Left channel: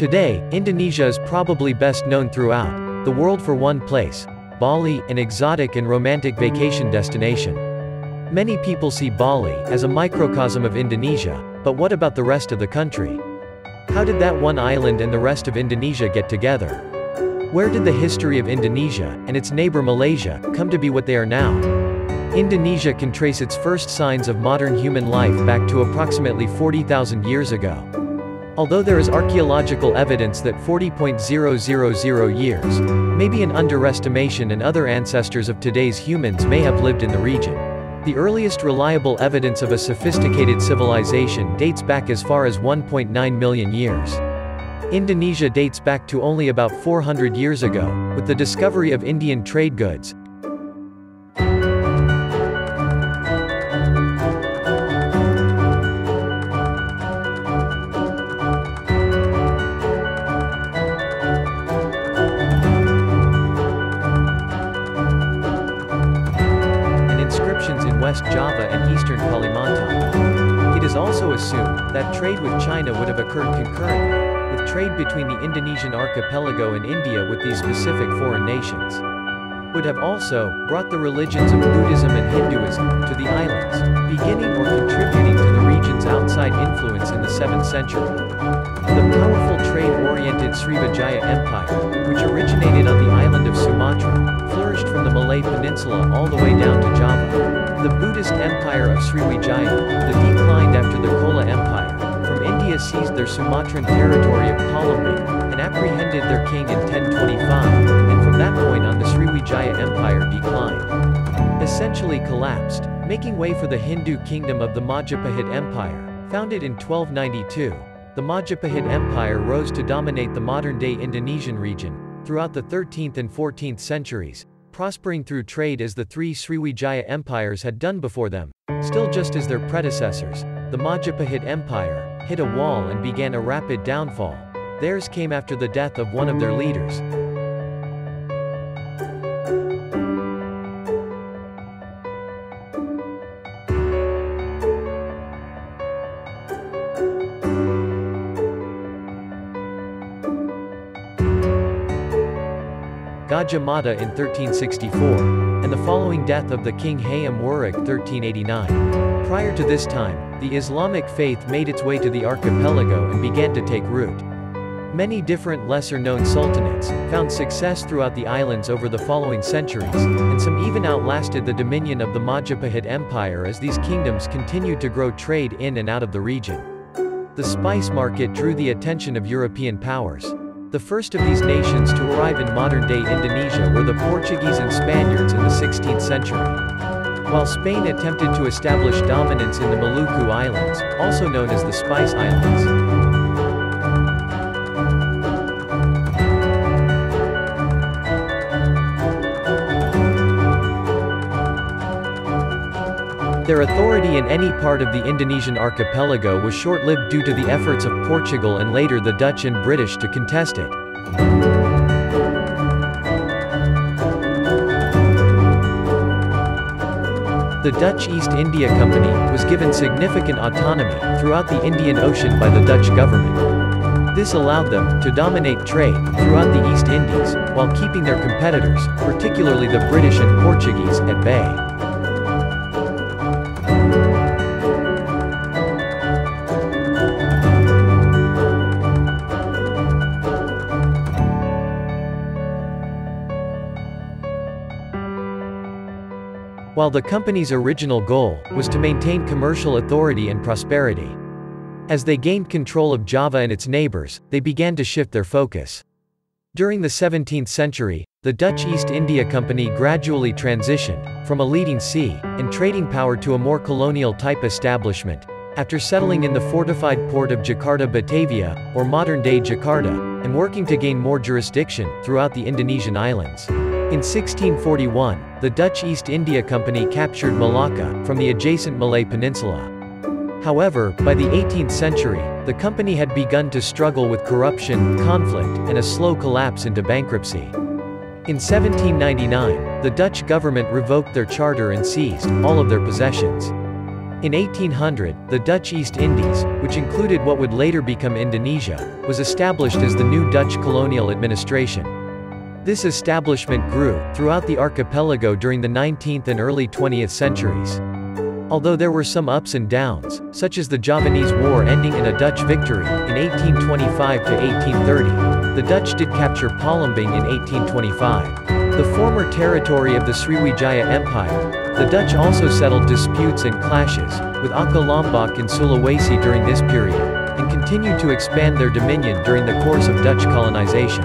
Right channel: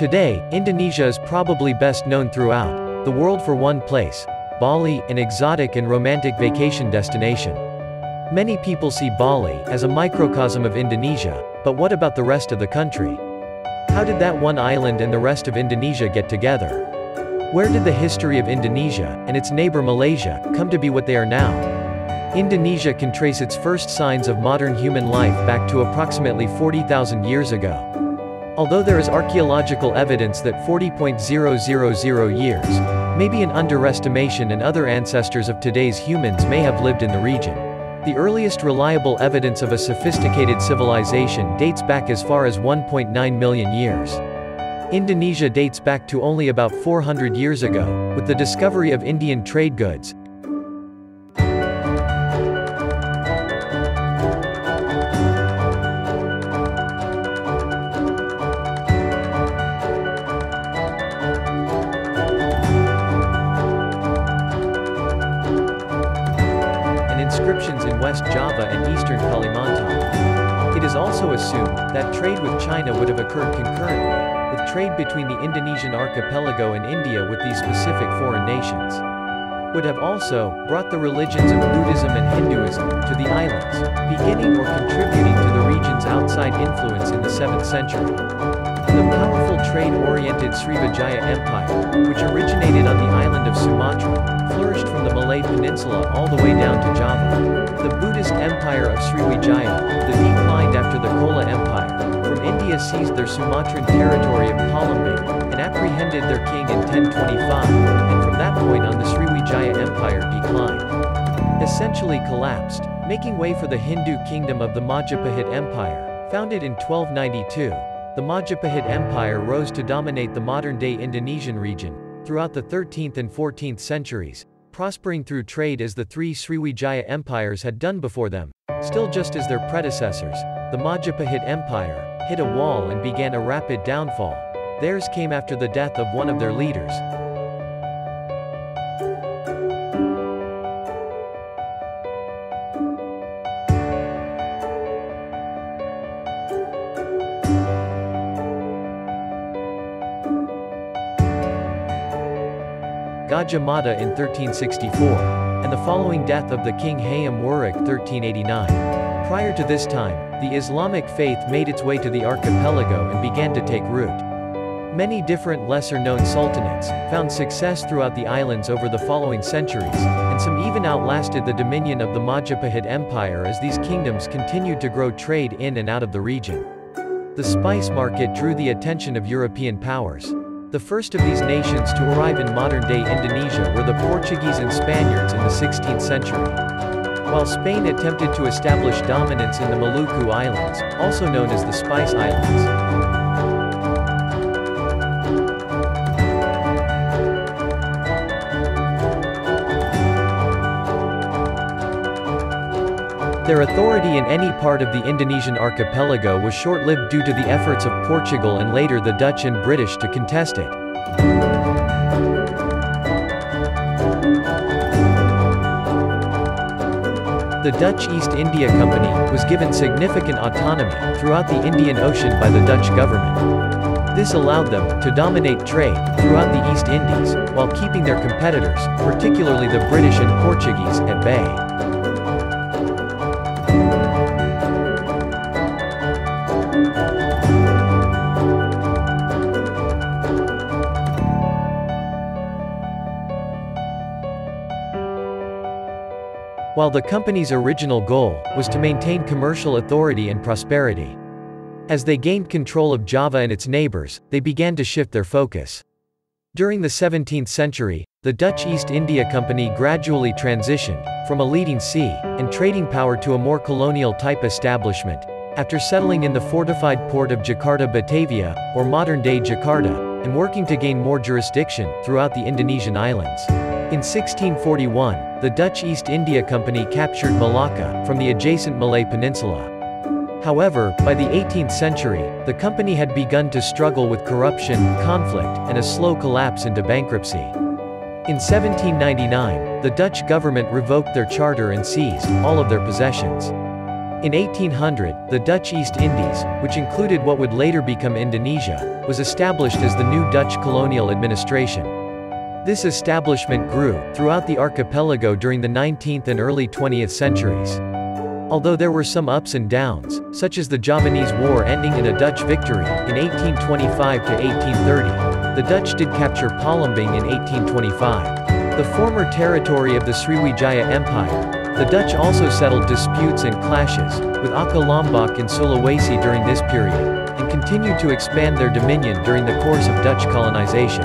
Today, Indonesia is probably best known throughout the world for one place, Bali, an exotic and romantic vacation destination. Many people see Bali as a microcosm of Indonesia, but what about the rest of the country? How did that one island and the rest of Indonesia get together? Where did the history of Indonesia, and its neighbor Malaysia, come to be what they are now? Indonesia can trace its first signs of modern human life back to approximately 40,000 years ago. Although there is archaeological evidence that 40,000 years may be an underestimation and other ancestors of today's humans may have lived in the region. The earliest reliable evidence of a sophisticated civilization dates back as far as 1.9 million years. Indonesia dates back to only about 400 years ago, with the discovery of Indian trade goods, inscriptions in West Java and eastern Kalimantan. It is also assumed that trade with China would have occurred concurrently, with trade between the Indonesian archipelago and India with these specific foreign nations. Would have also brought the religions of Buddhism and Hinduism to the islands, beginning or contributing to the region's outside influence in the 7th century. The powerful trade-oriented Srivijaya Empire, which originated on the island of Sumatra, flourished from the Malay Peninsula all the way down to Java. The Buddhist Empire of Sriwijaya, that declined after the Chola Empire, from India seized their Sumatran territory of Polemik, and apprehended their king in 1025, and from that point on the Sriwijaya Empire declined. Essentially collapsed, making way for the Hindu kingdom of the Majapahit Empire, founded in 1292. The Majapahit Empire rose to dominate the modern-day Indonesian region, throughout the 13th and 14th centuries, prospering through trade as the three Sriwijaya empires had done before them. Still just as their predecessors, the Majapahit Empire hit a wall and began a rapid downfall. Theirs came after the death of one of their leaders. Gajah Mada in 1364, and the following death of the king Hayam Wuruk 1389. Prior to this time, the Islamic faith made its way to the archipelago and began to take root. Many different lesser-known sultanates found success throughout the islands over the following centuries, and some even outlasted the dominion of the Majapahit Empire as these kingdoms continued to grow trade in and out of the region. The spice market drew the attention of European powers. The first of these nations to arrive in modern-day Indonesia were the Portuguese and Spaniards in the 16th century. While Spain attempted to establish dominance in the Maluku Islands, also known as the Spice Islands. Their authority in any part of the Indonesian archipelago was short-lived due to the efforts of Portugal and later the Dutch and British to contest it. The Dutch East India Company was given significant autonomy throughout the Indian Ocean by the Dutch government. This allowed them to dominate trade throughout the East Indies, while keeping their competitors, particularly the British and Portuguese, at bay. While the company's original goal was to maintain commercial authority and prosperity. As they gained control of Java and its neighbors, they began to shift their focus. During the 17th century, the Dutch East India Company gradually transitioned from a leading sea and trading power to a more colonial-type establishment, after settling in the fortified port of Jakarta Batavia, or modern-day Jakarta, and working to gain more jurisdiction throughout the Indonesian islands. In 1641, the Dutch East India Company captured Malacca from the adjacent Malay Peninsula. However, by the 18th century, the company had begun to struggle with corruption, conflict, and a slow collapse into bankruptcy. In 1799, the Dutch government revoked their charter and seized all of their possessions. In 1800, the Dutch East Indies, which included what would later become Indonesia, was established as the new Dutch colonial administration. This establishment grew throughout the archipelago during the 19th and early 20th centuries. Although there were some ups and downs, such as the Javanese War ending in a Dutch victory in 1825 to 1830, the Dutch did capture Polemik in 1825. The former territory of the Sriwijaya Empire. The Dutch also settled disputes and clashes with Aka Lombok and Sulawesi during this period, and continued to expand their dominion during the course of Dutch colonization.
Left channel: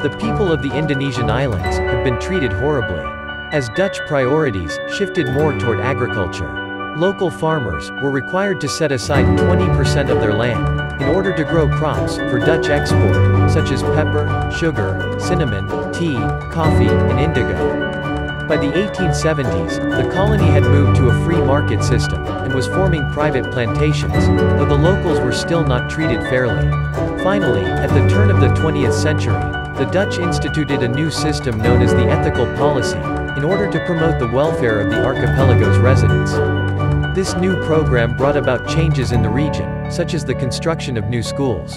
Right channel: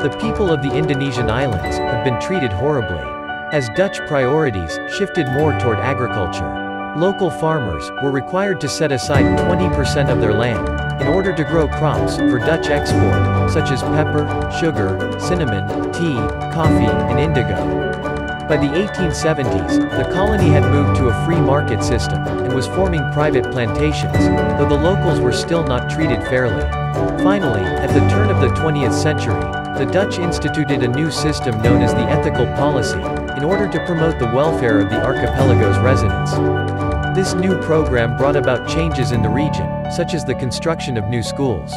The people of the Indonesian islands have been treated horribly, as Dutch priorities shifted more toward agriculture. Local farmers were required to set aside 20% of their land in order to grow crops for Dutch export, such as pepper, sugar, cinnamon, tea, coffee, and indigo. By the 1870s, the colony had moved to a free market system, and was forming private plantations, though the locals were still not treated fairly. Finally, at the turn of the 20th century, the Dutch instituted a new system known as the ethical policy, in order to promote the welfare of the archipelago's residents. This new program brought about changes in the region, such as the construction of new schools.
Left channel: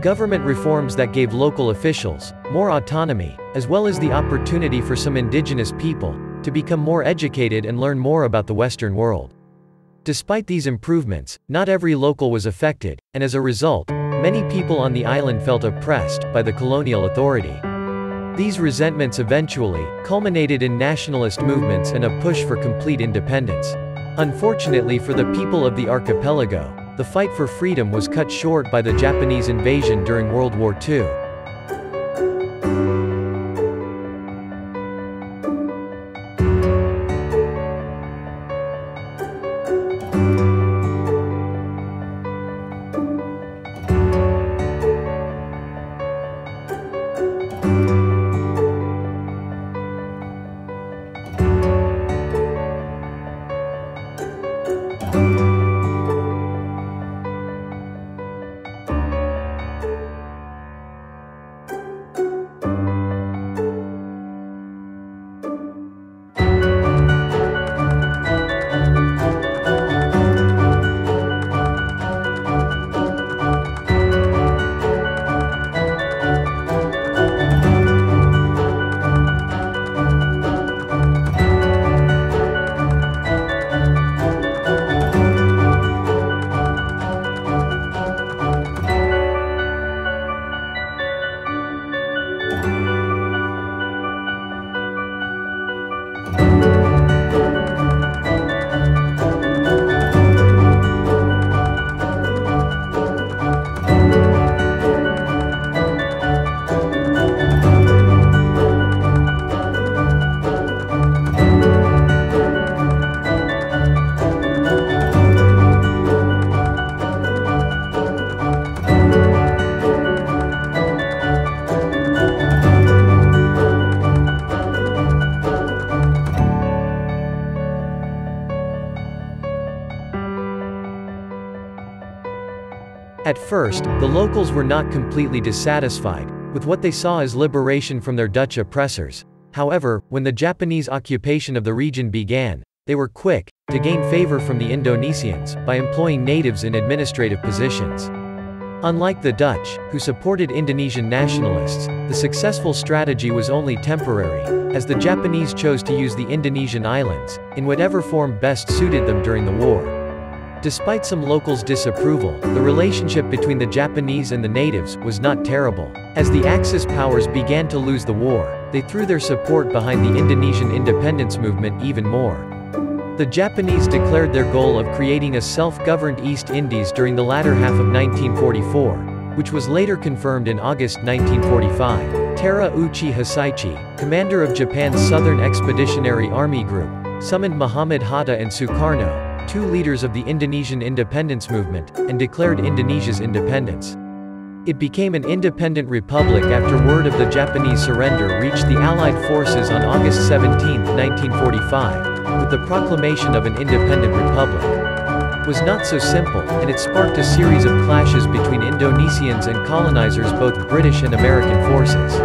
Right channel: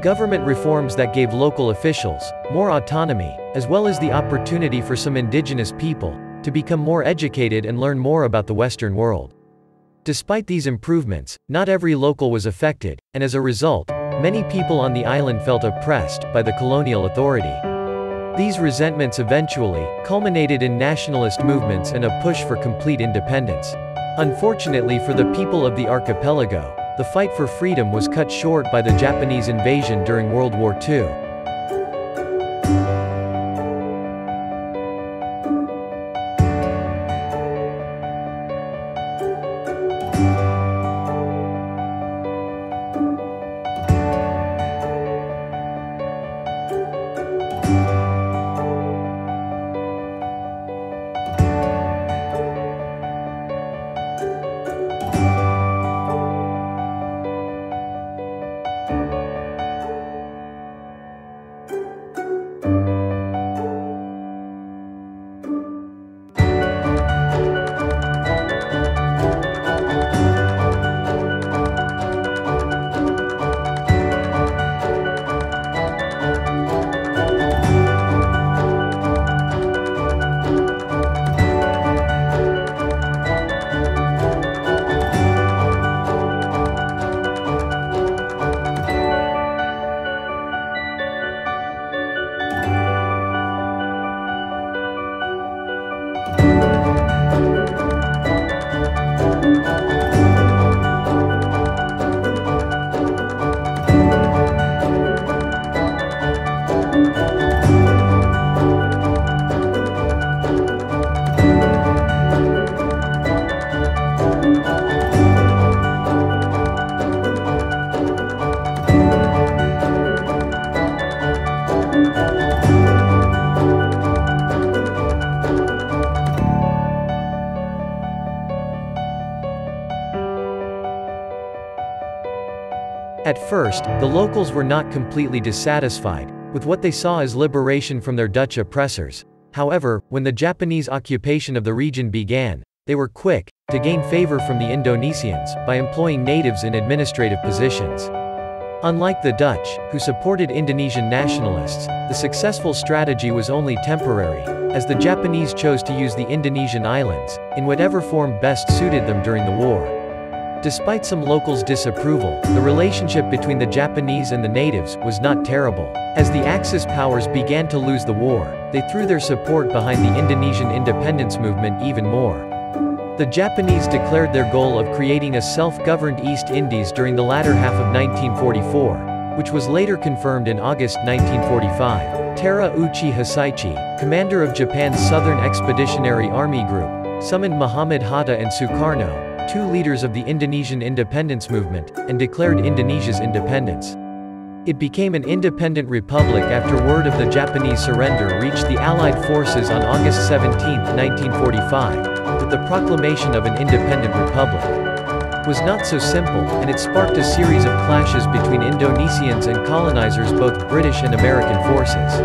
Government reforms that gave local officials more autonomy, as well as the opportunity for some indigenous people to become more educated and learn more about the Western world. Despite these improvements, not every local was affected, and as a result, many people on the island felt oppressed by the colonial authority. These resentments eventually culminated in nationalist movements and a push for complete independence. Unfortunately for the people of the archipelago, the fight for freedom was cut short by the Japanese invasion during World War II. At first, the locals were not completely dissatisfied with what they saw as liberation from their Dutch oppressors. However, when the Japanese occupation of the region began, they were quick to gain favor from the Indonesians by employing natives in administrative positions. Unlike the Dutch, who supported Indonesian nationalists, the successful strategy was only temporary, as the Japanese chose to use the Indonesian islands in whatever form best suited them during the war. Despite some locals' disapproval, the relationship between the Japanese and the natives was not terrible. As the Axis powers began to lose the war, they threw their support behind the Indonesian independence movement even more. The Japanese declared their goal of creating a self-governed East Indies during the latter half of 1944, which was later confirmed in August 1945. Terauchi Hisaichi, commander of Japan's Southern Expeditionary Army Group, summoned Muhammad Hatta and Sukarno, two leaders of the Indonesian independence movement, and declared Indonesia's independence. It became an independent republic after word of the Japanese surrender reached the Allied forces on August 17, 1945, with the proclamation of an independent republic. It was not so simple, and it sparked a series of clashes between Indonesians and colonizers, both British and American forces.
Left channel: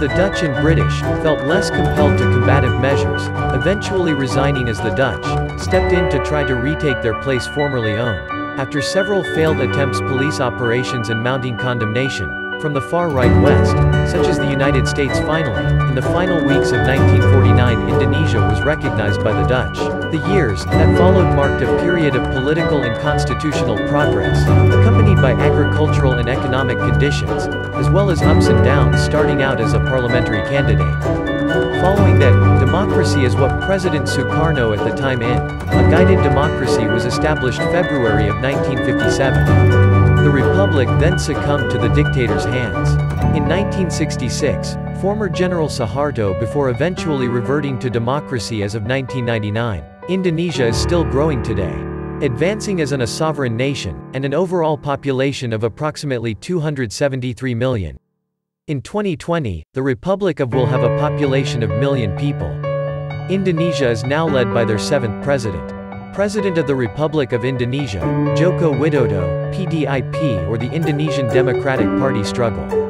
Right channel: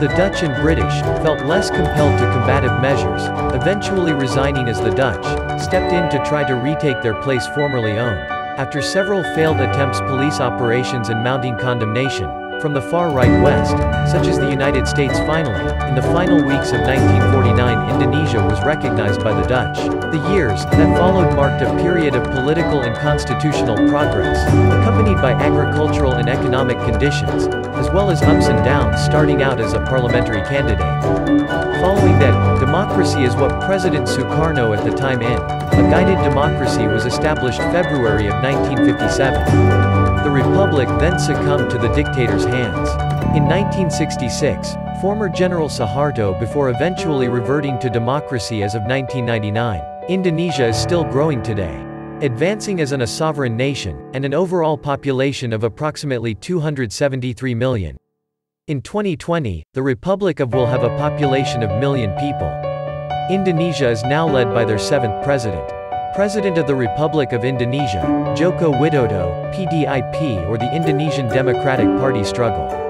The Dutch and British felt less compelled to combative measures, eventually resigning as the Dutch stepped in to try to retake their place formerly owned. After several failed attempts, police operations and mounting condemnation from the far-right West, such as the United States, finally, in the final weeks of 1949, Indonesia was recognized by the Dutch. The years that followed marked a period of political and constitutional progress, accompanied by agricultural and economic conditions, as well as ups and downs, starting out as a parliamentary candidate. Following that, democracy is what President Sukarno at the time in a guided democracy was established February of 1957. The republic then succumbed to the dictator's hands. In 1966, former General Suharto, before eventually reverting to democracy as of 1999. Indonesia is still growing today, advancing as a sovereign nation, and an overall population of approximately 273 million. In 2020, the Republic will have a population of million people. Indonesia is now led by their 7th president. President of the Republic of Indonesia, Joko Widodo, PDIP, or the Indonesian Democratic Party struggle.